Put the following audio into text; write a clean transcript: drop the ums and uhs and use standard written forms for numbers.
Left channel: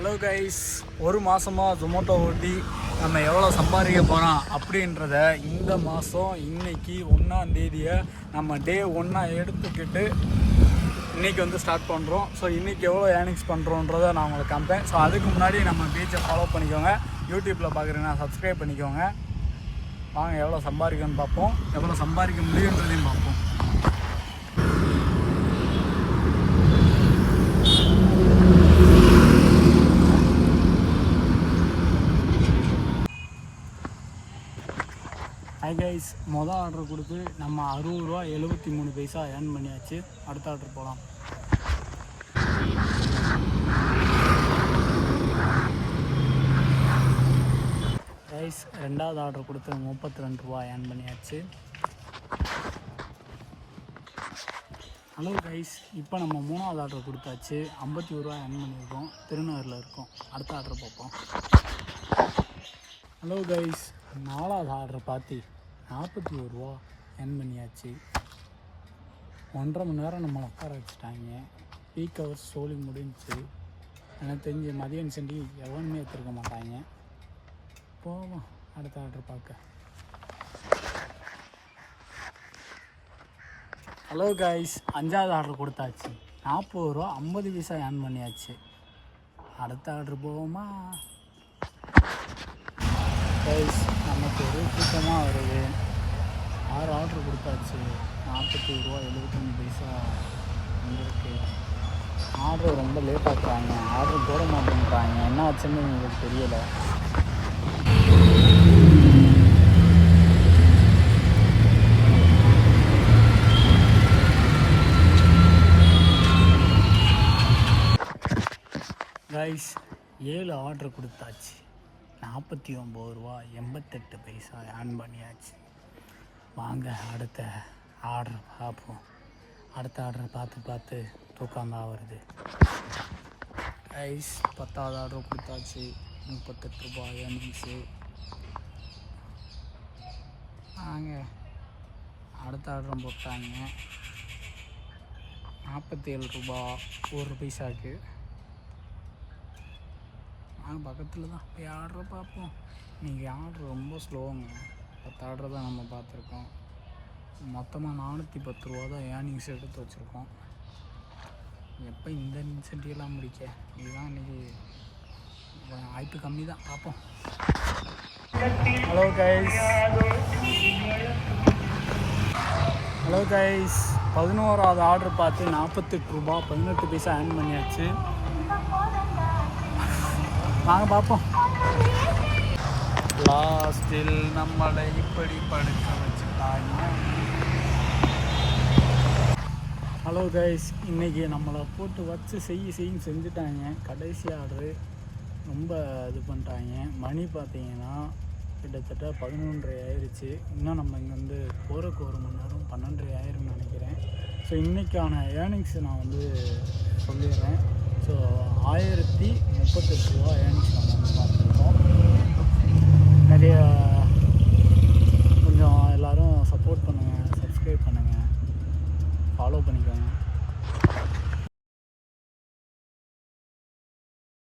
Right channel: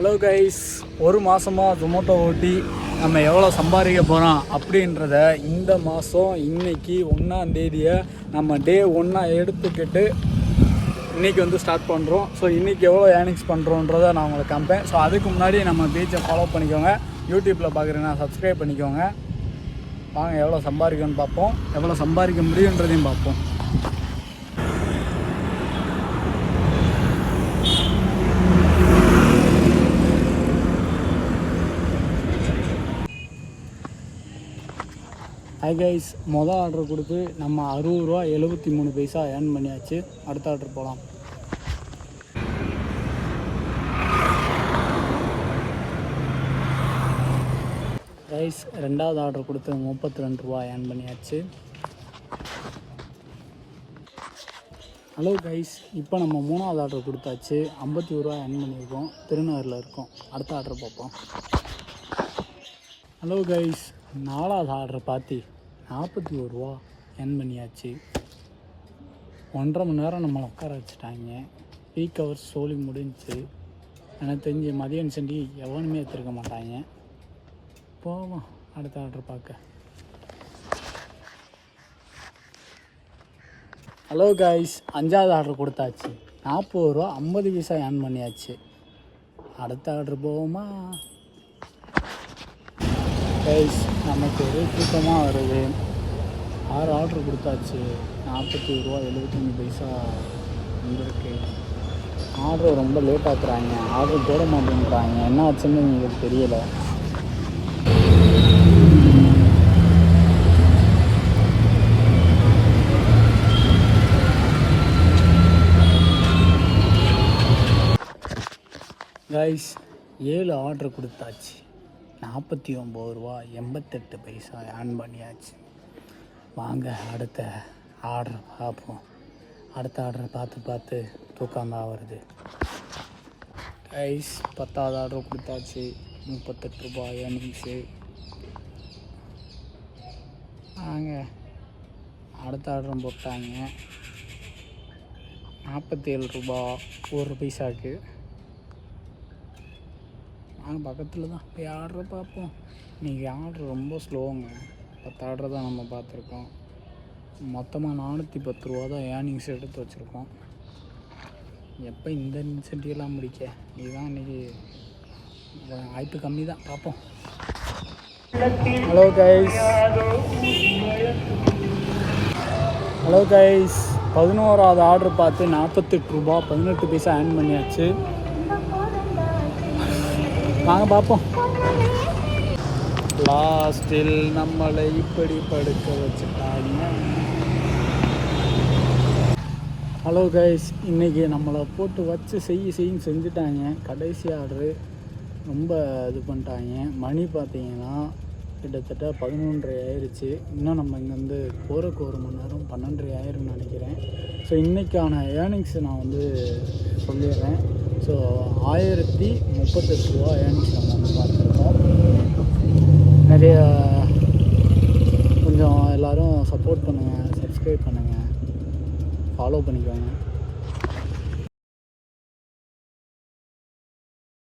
Hello guys, ஒரு மாதமாக ஜொமேட்டோ ஓட்டி நம்ம எவ்வளோ சம்பாதிக்க போகிறோம் அப்படின்றத இந்த மாதம் இன்னைக்கு 1ஆம் தேதியை நம்ம டே 1 எடுத்துக்கிட்டு இன்றைக்கி வந்து ஸ்டார்ட் பண்ணுறோம். ஸோ இன்றைக்கி எவ்வளோ ஏர்னிங்ஸ் பண்ணுறோன்றதை நான் உங்களுக்கு காமிப்பேன். ஸோ அதுக்கு முன்னாடி நம்ம பேஜை ஃபாலோ பண்ணிக்கோங்க, யூடியூப்பில் பார்க்குறீங்கன்னா சப்ஸ்கிரைப் பண்ணிக்கோங்க. வாங்க எவ்வளோ சம்பாதிக்கணும்னு பார்ப்போம், எவ்வளோ சம்பாதிக்க முடியுன்றதையும் பார்ப்போம். ஹை கைஸ், மொதல் ஆர்டர் கொடுத்து நம்ம 60 ரூபா 73 பைசா ஏர்ன் பண்ணியாச்சு. அடுத்த ஆர்டர் போகலாம். கைஸ், ரெண்டாவது ஆர்டர் கொடுத்து 32 ரூபா ஏர்ன் பண்ணியாச்சு. ஹலோ கைஸ், இப்போ நம்ம 3வது ஆர்டர் கொடுத்தாச்சு. 51 ரூபா ஏர்ன் பண்ணியிருக்கோம். திருநகரில் இருக்கோம். அடுத்த ஆர்டர் பார்ப்போம். ஹலோ கைஸ், 4வது ஆர்டர் பார்த்து 41 ரூபா ஏர்ன் பண்ணியாச்சு. 1.5 மணி நேரம் நம்மளை உட்கார வச்சுட்டாங்க. பீக் ஹவர்ஸ் சோலி முடிஞ்சு. எனக்கு தெரிஞ்சு மதியம் செஞ்சு எவனுமே எடுத்துருக்க மாட்டாங்க. போவோம் அடுத்த ஆர்டர் பார்க்க. ஹலோ கைஸ், 5வது ஆர்டர் கொடுத்தாச்சு. 40 ரூபா 50 பைசா ஏர்ன் பண்ணியாச்சு. அடுத்த ஆர்டர் போவோமா கைஸ்? நமக்கு ஒரு கூட்டமாக வருது. 6 ஆர்டர் கொடுத்தாச்சு. 41 ரூபா 75 பைசா வந்துருக்கு. ஆர்டர் ரொம்ப லேட் ஆக்குறாங்க, ஆர்டர் போட மாட்டேங்கிறாங்க. என்ன ஆச்சுன்னு எங்களுக்கு தெரியல. கைஸ், 7 ஆர்டர் கொடுத்தாச்சு. 49 ரூபா 88 பைசா ஏர்ன் பண்ணியாச்சு. வாங்க அடுத்த ஆர்டர் பார்ப்போம். அடுத்த ஆர்டர் பார்த்து தூக்கம்தான் வருது. கைஸ், 10வது ஆர்டர் கொடுத்தாச்சு. 38 ரூபா ஏர்னிங்ஸு. வாங்க அடுத்த ஆர்டரும் போட்டாங்க. 47 ரூபா 1 பைசாவுக்கு. நாங்கள் பக்கத்தில் தான் போய் ஆர்டர் பார்ப்போம். இன்றைக்கி ஆர்டர் ரொம்ப ஸ்லோங்க. 10 ஆர்டர் தான் நம்ம பார்த்துருக்கோம். மொத்தமாக 410 ரூபா தான் ஏர்னிங்ஸ் எடுத்து வச்சுருக்கோம். எப்போ இந்த இன்சென்டிவ்லாம் முடிக்க இதுதான் இன்றைக்கி வாய்ப்பு கம்மி தான். பார்ப்போம். ஹலோ கைஸ், 11வது ஆர்டர் பார்த்து 48 ரூபா 18 பைசா ஏர்ன் பண்ணியாச்சு. வாங்க பார்ப்போம். லாஸ்டில் நம்மளை இப்படி படுக்க வச்சுட்டாங்க. ஹலோ கைஸ், இன்றைக்கி நம்மளை போட்டு வச்சு செய்யின்னு செஞ்சுட்டாங்க. கடைசி ஆர்டரு ரொம்ப இது பண்ணிட்டாங்க. மணி பார்த்தீங்கன்னா கிட்டத்தட்ட 11:30 ஆயிடுச்சு. இன்னும் நம்ம இங்கே வந்து போகிறக்கு 1 மணி நேரம் 12:30 ஆயிரும்னு நினைக்கிறேன். ஸோ இன்றைக்கான ஏர்னிங்ஸ் நான் வந்து சொல்லிடுறேன். ஸோ 1038 ரூபா ஏர்னிங்ஸ் நம்ம வந்து